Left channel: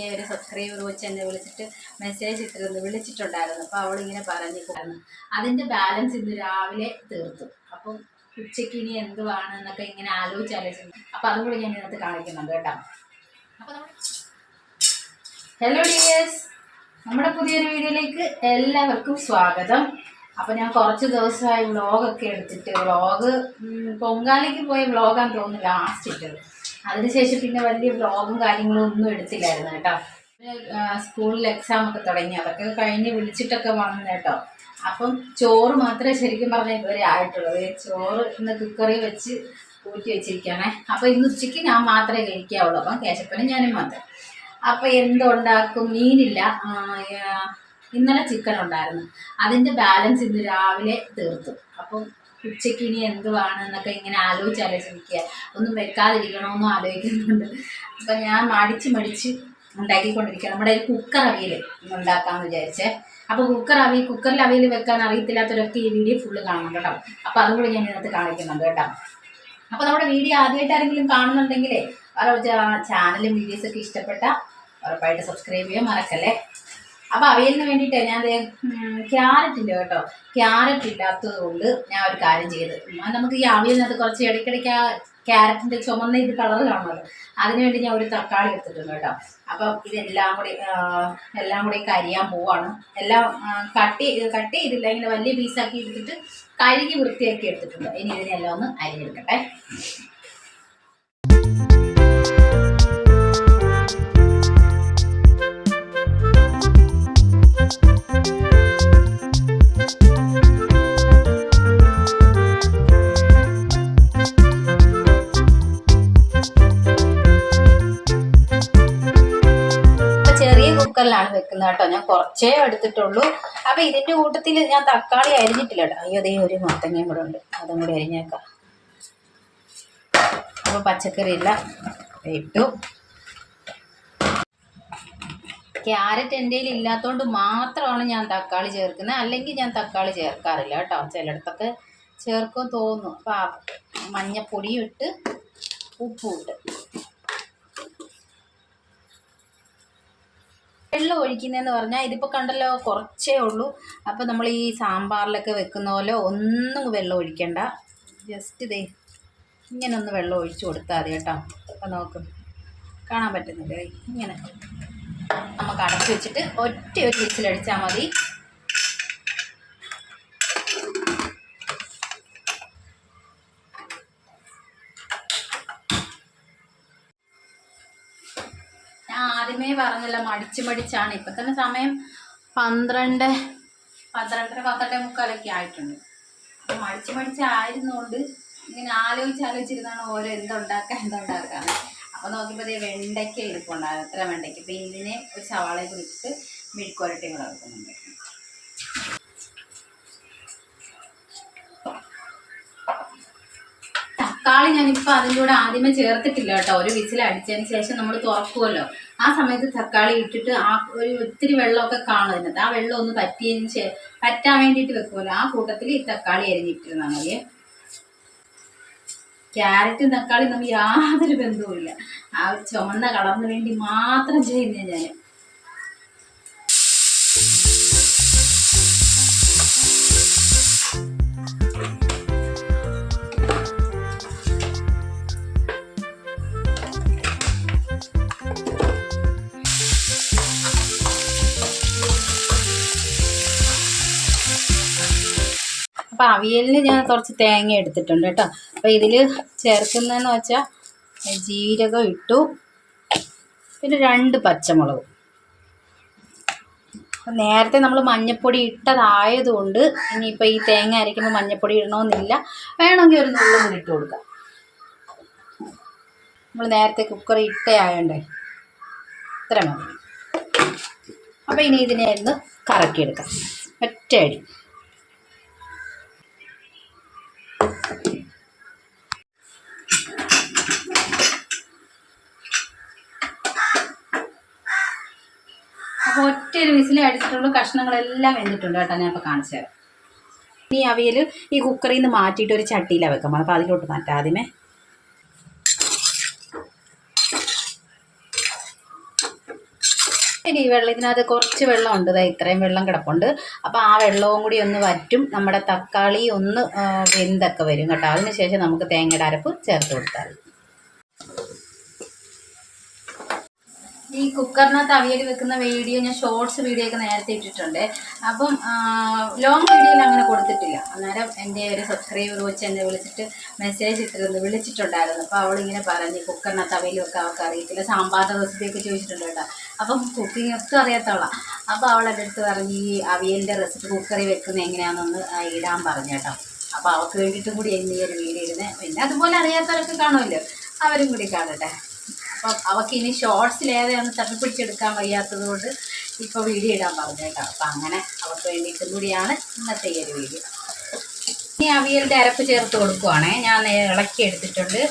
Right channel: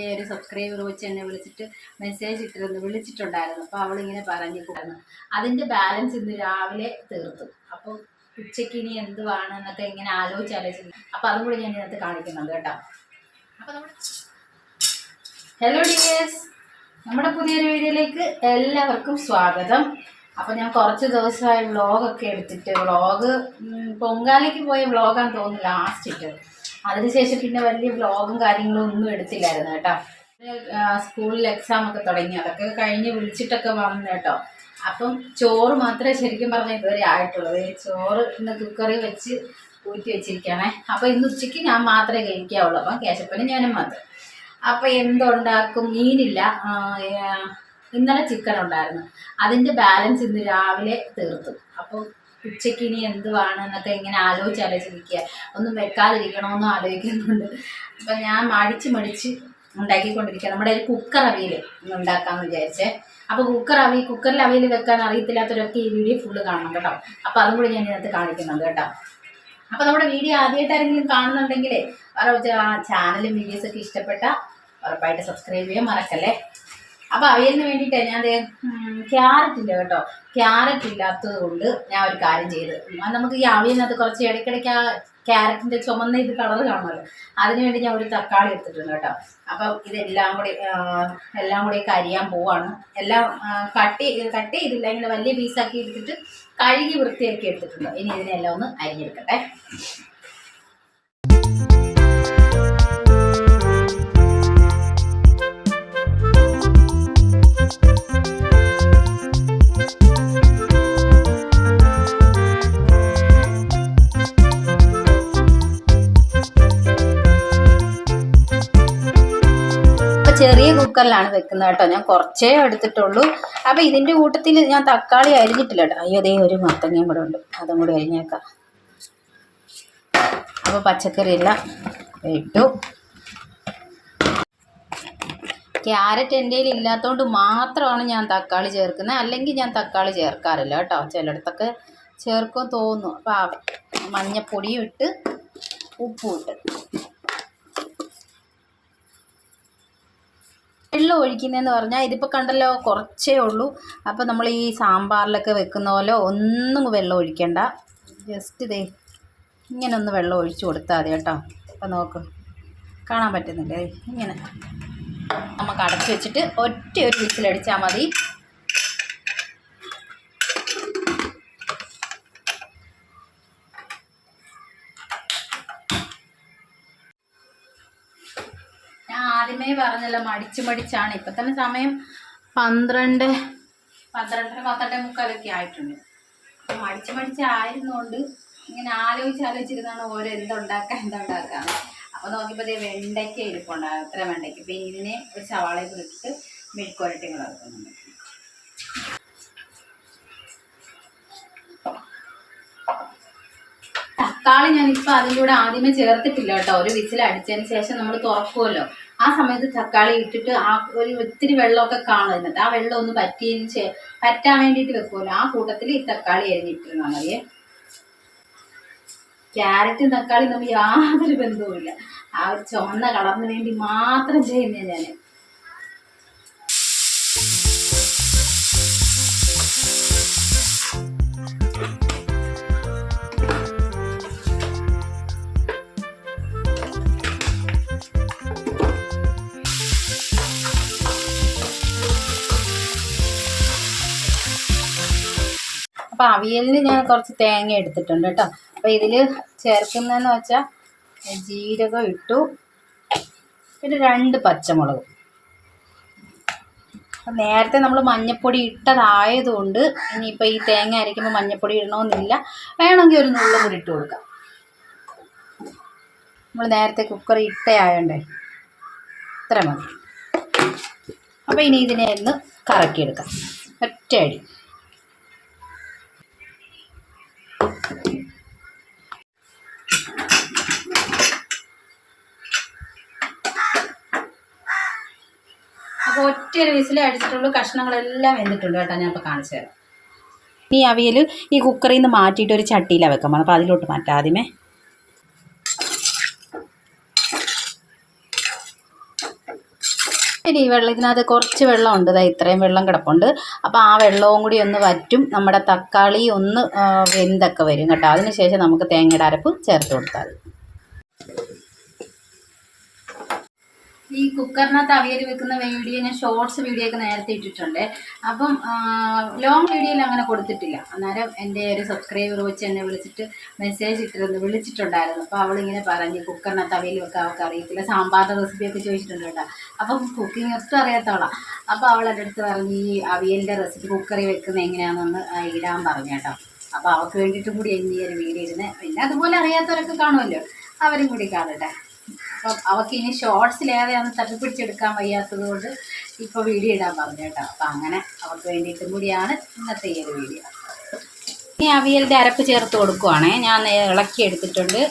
എൻ്റെ ഒരു സബ്സ്ക്രൈബർ വെച്ച് എന്നെ മെസ്സേജ് വിളിച്ചിട്ടുണ്ടായിരുന്നു. അപ്പോൾ അവളിങ്ങനെ പറഞ്ഞിട്ടുണ്ടായിരുന്നു അതിൻ്റെ ബാലൻസ് ഇന്ന് രാവിലെ തീർത്തു. അപ്പം ഉച്ചയ്ക്ക് ഇനി എന്തുവാണ് എന്നൊക്കെ ഇങ്ങനെ ആലോചിച്ചു. അപ്പോൾ അതും കൂടി ഞാൻ ഇതിനകത്ത് കാണിക്കുന്നുണ്ട് കേട്ടോ. അപ്പോൾ ഹലോ ഡിയേഴ്സ്, നമ്മുടെ പുതിയൊരു വീഡിയോയിലേക്ക് എല്ലാവർക്കും സ്വാഗതം. അപ്പോൾ ഞാൻ കുറച്ച് ദിവസമായി വ്ളോഗൊക്കെ എടുത്തിട്ട് പൊങ്കാലയ്ക്ക് പോയ വ്ളോഗാന്ന് തോന്നുന്നു ലാസ്റ്റ് ഇട്ടത്. അതിനുശേഷം പിന്നെ വലിയ വ്ളോഗും കാര്യങ്ങളും ഒന്നും എടുത്തില്ലായിരുന്നു കേട്ടോ. സ്കൂളിൽ എക്സാം ഒക്കെ തുടങ്ങി, അതൊക്കെ കഴിഞ്ഞ് വിളിച്ചിട്ടൊക്കെ വന്നു കേട്ടോ. അപ്പം ചോറ് മാത്രമേ ശരിക്കും പറഞ്ഞാൽ ഇതുവരെ ആയിട്ടുള്ളത്. ചോറ് ഇന്ന് കുക്കറിൽ വെച്ച് ഊറ്റി വെച്ചിരിക്കുകയാണേ. അപ്പോൾ ഇന്ന് ഉച്ചയ്ക്ക് ഞാൻ മാത്രമേ കഴിക്കാവുള്ളൂ. അപ്പം കേശപ്പനും ഞാനും മാത്രം. അപ്പോൾ എന്തുണ്ടാക്കും? മീനില്ല. ഇന്നലെ ചിക്കൻ ഉണ്ടായിരുന്നു, അതിൻ്റെ ബാലൻസ് ഇന്ന് രാവിലെ തീർത്തു. അപ്പം ഉച്ചയ്ക്ക് ഇനി എന്തുവാണ് എന്നൊക്കെ ഇങ്ങനെ ആലോചിച്ചിരിക്കുക. ഒന്നും വെക്കാതിരിക്കണമെന്നും ആലോചിക്കുന്നുണ്ട്. അപ്പം ഞാൻ മടിച്ച് ഉണ്ടാക്കിക്കൊണ്ടിരിക്കുക. നമ്മുടെ ഒരു കുക്കർ അവിയൽ ഉണ്ടാക്കാമെന്ന് വിചാരിച്ചേ. അപ്പോൾ കുക്കറിൽ അവിയൽ വെക്കാൻ അറിയത്തില്ലാത്തവരൊക്കെ ഈ വീഡിയോ ഫുള്ള് കാണണം കേട്ടോ. അപ്പോൾ അതും കൂടി ഞാൻ ഇതിനകത്ത് കാണിക്കുന്നുണ്ട് കേട്ടോ. അപ്പോൾ നമ്മുടെ വീഡിയോ ആദ്യമായിട്ട് ആരെങ്കിലും കാണുന്നുണ്ടെങ്കിലേ ചാനലും വീഡിയോസൊക്കെ ഇഷ്ടപ്പെട്ട ഉറപ്പായിട്ട് സബ്സ്ക്രൈബ് ചെയ്യാൻ മറക്കല്ലേ. അപ്പോൾ അവിയലിന് വേണ്ടിയിട്ട് ഞാൻ ക്യാരറ്റ് ഇല്ല കേട്ടോ. ക്യാരറ്റ് ഇല്ലാത്തത് കൊണ്ട് ഞാൻ ഒരു കാര്യം ചെയ്ത്, നമുക്ക് ഈ അവിയലിനകത്ത് കുറച്ച് ഇടയ്ക്കിടയ്ക്ക് ആ ക്യാരറ്റിൻ്റെ ചുമന്ന ഇത് കളറ് കാണുമല്ലോ, അതിനുവേണ്ടി ഞാൻ ഒരു തക്കാളി എടുത്തിട്ടുണ്ട് കേട്ടോ. അപ്പം ഇതെല്ലാം കൂടി അരിയാൻ പോവാണ്. എല്ലാം കട്ട് ചെയ്തില്ല, ഇങ്ങനെ വലിയ പീസാക്കി എടുത്തിട്ട് കഴുകി വൃത്തിയാക്കി എടുത്തിട്ടുണ്ട്. ഇനി ഇതിനെല്ലാം ഒന്ന് അരിഞ്ഞെടുക്കട്ടെ. കുക്കറിലാണ് വെക്കുന്നത് കേട്ടോ. ഞാൻ കുറച്ചേ എടുത്തിട്ടുള്ളൂ. അപ്പോൾ ഇതിൻ്റെ കൂട്ടത്തിൽ ഞാൻ തക്കാളി അരിഞ്ഞിട്ടില്ല കേട്ടോ. അയ്യോ, അതേ ഒരു മത്തങ്ങയും കൂടെ ഉണ്ട്, അതും കൂടി അരിഞ്ഞേക്കാം. അപ്പോൾ പച്ചക്കറി എല്ലാം ഇട്ടു. ക്യാരറ്റ് എൻ്റെ കയ്യിൽ ഇല്ലാത്തതുകൊണ്ട് മാത്രമാണ് ഞാൻ തക്കാളി ചേർക്കുന്നത്, അല്ലെങ്കിൽ ഞാൻ തക്കാളി ചേർക്കാറില്ല കേട്ടോ. ചിലയിടത്തൊക്കെ ചേർക്കും തോന്നുന്നു. അപ്പോൾ മഞ്ഞപ്പൊടിയും ഇട്ട് ഉപ്പും ഇട്ട് വെള്ളം ഒഴിക്കുന്നതെന്ന് പറഞ്ഞാൽ ഇതിപ്പോൾ കണ്ടല്ലോ കുറച്ചേ ഉള്ളൂ. അപ്പോൾ നമ്മൾ ഈ സാമ്പാറിലൊക്കെ വെക്കുന്ന പോലെ ഒന്നും വെള്ളം ഒഴിക്കണ്ട. ജസ്റ്റ് ഇതേ ഇങ്ങനെ ഒന്ന് വെള്ളം ഒഴിച്ച് കൊടുത്താൽ മതി കേട്ടോ. അപ്പോൾ നോക്ക്, കാണാൻ പറ്റുന്നില്ലേ? ഇങ്ങനെ നമുക്ക് അടച്ച് വെച്ചിട്ട് ഒറ്റ ഒരു വിസിലടിച്ചാൽ മതി. ആദ്യമേ പറഞ്ഞല്ലോ മടിച്ചാണ്. ഇപ്പം തന്നെ സമയം 12:30 ആയിട്ടുണ്ട്. അപ്പോൾ മടിച്ചായിരുന്നുകൊണ്ട് ഇങ്ങനെ ആലോചിച്ചിരുന്നാണ് ഓരോ എന്തുണ്ടാക്കാന്ന്. അപ്പോൾ നോക്കിയപ്പോൾ ഇതേ വെണ്ടയ്ക്ക ഇരിപ്പുണ്ടാകും, അത്ര വെണ്ടയ്ക്ക. പിന്നെ ഇതിനെ ഒരു സവാളയെ കുറിച്ചിട്ട് മെഴുക്കുവരട്ടിയും കൂടെ വെക്കുന്നുണ്ട്. തക്കാളി ഞാനിപ്പോൾ അതിൻ്റെ കൂടെ ആദ്യമേ ചേർത്തിട്ടില്ല കേട്ടോ. ഒരു വിസിൽ അടിച്ചതിന് ശേഷം നമ്മൾ തുറക്കുമല്ലോ, ആ സമയത്ത് തക്കാളി ഇട്ടിട്ട് ആ ഒരു ഇത്തിരി വെള്ളമൊക്കെ കാണും അതിനകത്ത്. ആ വെള്ളം ഒന്ന് പറ്റാൻ വേണ്ടിയിട്ട് വെക്കുമല്ലോ, ആ കൂട്ടത്തിൽ ഈ തക്കാളി അരിഞ്ഞിട്ടിരുന്നാൽ മതിയേ. ക്യാരറ്റും തക്കാളിയും നമ്മൾ യാതൊരു ബന്ധവുമില്ല. ആ ഒരു ചുവന്ന കളറിന് വേണ്ടി മാത്രം ചെയ്യുന്നേ ഞാൻ. അപ്പോൾ അവിയലിന് ഞാൻ കുറച്ച് തേങ്ങ എടുത്തിട്ടുണ്ട് കേട്ടോ. അപ്പോൾ ഇതിൽ ചേർക്കുന്നതെന്ന് വെച്ചാൽ ജീരകം ഇട്ടു, പിന്നെ 2 പച്ചമുളകും. അപ്പം നേരത്തെ നമ്മൾ മഞ്ഞൾപ്പൊടി ഇട്ടതായതുകൊണ്ട് ഇനിയിപ്പോൾ ഈ തേങ്ങ അരയ്ക്കുമ്പോൾ മഞ്ഞൾപ്പൊടി ഇടണമെന്നില്ല. വേണമെങ്കിൽ ഒരു നുള്ളും കൂടി ഇട്ട് കൊടുക്കാം. നമ്മൾ നേരത്തെ കുക്കറി ഇട്ടയായോണ്ടേ ഇത്ര മതി. അപ്പോൾ ഇനി ഇതിനെ ഒന്ന് കറക്കിയെടുക്കാം ഒറ്റയടി. അപ്പോൾ ഒറ്റയൊരു വിസിലേ അടിച്ചിട്ടുള്ളൂ. കഷ്ണങ്ങളെല്ലാം വെന്തിട്ടുണ്ട് കേട്ടോ. ഞാൻ ഇപ്പോൾ കാണിച്ചു തരാം. ഈ അവിയൽ ഈ കുക്കറിൽ നിന്ന് മാറ്റിയിട്ട് ഒരു ചട്ടിയിലാണ് വെക്കാൻ പോകുന്നത്. അപ്പോൾ അതിലോട്ട് മാറ്റാം ആദ്യമേ. ഇനി ഈ ഇതിനകത്ത് കുറച്ച് വെള്ളമുണ്ട്, ഇത്രയും വെള്ളം കിടപ്പുണ്ട്. അപ്പോൾ ആ വെള്ളവും കൂടി ഒന്ന് വറ്റും, നമ്മുടെ തക്കാളി ഒന്ന് വെന്തൊക്കെ വരും കേട്ടോ. അതിനുശേഷം നമുക്ക് തേങ്ങയുടെ അരപ്പ് ചേർത്ത് കൊടുത്താൽ മതി. ഈ കുക്കറിനകത്ത് അവിയൽ വെക്കുന്ന വീഡിയോ ഞാൻ ഷോർട്സ് വീഡിയോ ഒക്കെ നേരത്തെ ഇട്ടിട്ടുണ്ട്. അപ്പം ലോങ് വീഡിയോയിൽ അങ്ങനെ കൊടുത്തിട്ടില്ല. അന്നേരം എൻ്റെ ഒരു സബ്സ്ക്രൈബർ വെച്ച് എന്നെ മെസ്സേജ് വിളിച്ചിട്ടുണ്ടായിരുന്നു. അപ്പോൾ അവളിങ്ങനെ പറഞ്ഞ് കുക്കറിനകത്ത് അവിയൽ വെക്കാൻ അവൾക്ക് അറിയത്തില്ല, സാമ്പാറിൻ്റെ റെസിപ്പിയൊക്കെ ചോദിച്ചിട്ടുണ്ട് കേട്ടോ. അപ്പം കുക്കിംഗ് ഒട്ടും അറിയാത്തവളാണ്. അപ്പോൾ അവൾ എൻ്റെ അടുത്ത് പറഞ്ഞ് ഈ അവിയലിൻ്റെ റെസിപ്പി കുക്കറിൽ വെക്കുന്നത് എങ്ങനെയാണെന്നൊന്ന് ഇടാൻ പറഞ്ഞു കേട്ടോ. അപ്പോൾ അവൾക്ക് വേണ്ടിയിട്ടും കൂടി ഇന്ന് ഈ ഒരു വീഡിയോ ഇടുന്നത്. പിന്നെ അതുപോലെ അറിയാത്തവരൊക്കെ കാണുമല്ലോ, അവരും കൂടി കാണട്ടെ. അപ്പം അവൾക്ക് ഇനി ഷോർട്സിലേതെയാണ് തപ്പിപ്പിടിച്ചെടുക്കാൻ വയ്യാത്തത് കൊണ്ട് ഇപ്പോൾ വീഡിയോ ഇടാൻ പറഞ്ഞു കേട്ടോ. അപ്പം അങ്ങനെ അവർക്ക് വേണ്ടിയിട്ടും കൂടിയാണ് ഇന്നത്തെ ഈ ഒരു വീഡിയോ. ഇനി അവിയലിൻ്റെ അരപ്പ് ചേർത്ത് കൊടുക്കുവാണേ. ഞാൻ ഇളക്കി എടുത്തിട്ടുണ്ട്.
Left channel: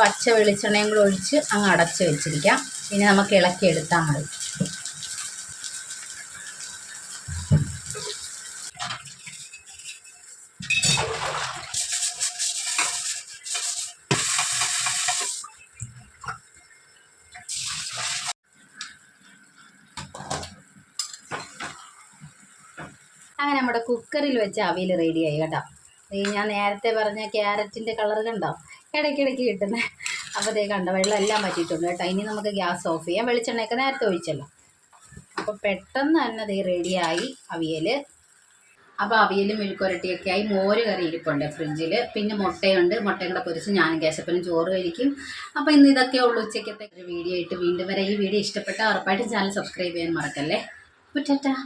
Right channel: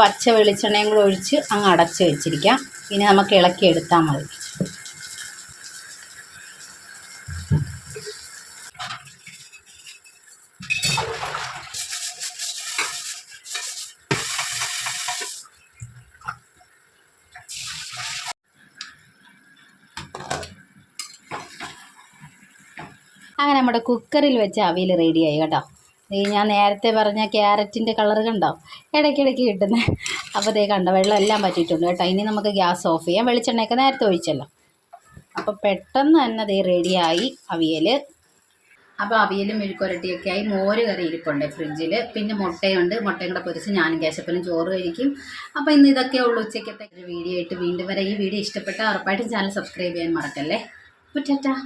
പച്ച വെളിച്ചെണ്ണയും കൂടെ ഒഴിച്ച് അങ്ങ് അടച്ച് വെച്ചിരിക്കാം. പിന്നെ നമുക്ക് ഇളക്കി എടുത്താൽ മതി. അങ്ങനെ നമ്മുടെ കുക്കറിൽ വെച്ച അവിയൽ റെഡിയായി കേട്ടോ. ഞാൻ നേരത്തെ പറഞ്ഞ ക്യാരറ്റിൻ്റെ കളർ കണ്ടോ, ഇടയ്ക്കിടയ്ക്ക് കിട്ടുന്നത്. അപ്പോൾ കണ്ടോ, വെള്ളം എല്ലാം പറ്റിയിട്ടുണ്ട് കേട്ടോ. ഇനി നമുക്ക് ഗ്യാസ് ഓഫ് ചെയ്യാം. വെളിച്ചെണ്ണയൊക്കെ നേരത്തെ ഒഴിച്ചല്ലോ. അപ്പോൾ പെട്ടെന്ന് തന്നെ റെഡിയായി അവിയൽ. അപ്പോൾ അവിയലും മെഴുക്കുരട്ടിയൊക്കെ ആയി. മോര് കറി ഇരിപ്പുണ്ട് ഫ്രിഡ്ജിൽ. പിന്നെ മുട്ടയുണ്ട്, മുട്ടയും കൂടെ പൊരിച്ച് ഞാനും കേശപ്പനും ചോറ് കഴിക്കും. അപ്പോൾ ഇന്ന് ഇതൊക്കെ ഉള്ളൂ ഉച്ചയ്ക്കത്തെ വീഡിയോ ആയിട്ട് വീണ്ടും വരെ. ഈ വീഡിയോ ഇഷ്ടപ്പെട്ടാൽ ഉറപ്പായിട്ടും ചാനൽ സബ്സ്ക്രൈബ് ചെയ്യാൻ മറക്കല്ലേ. ടാറ്റാ.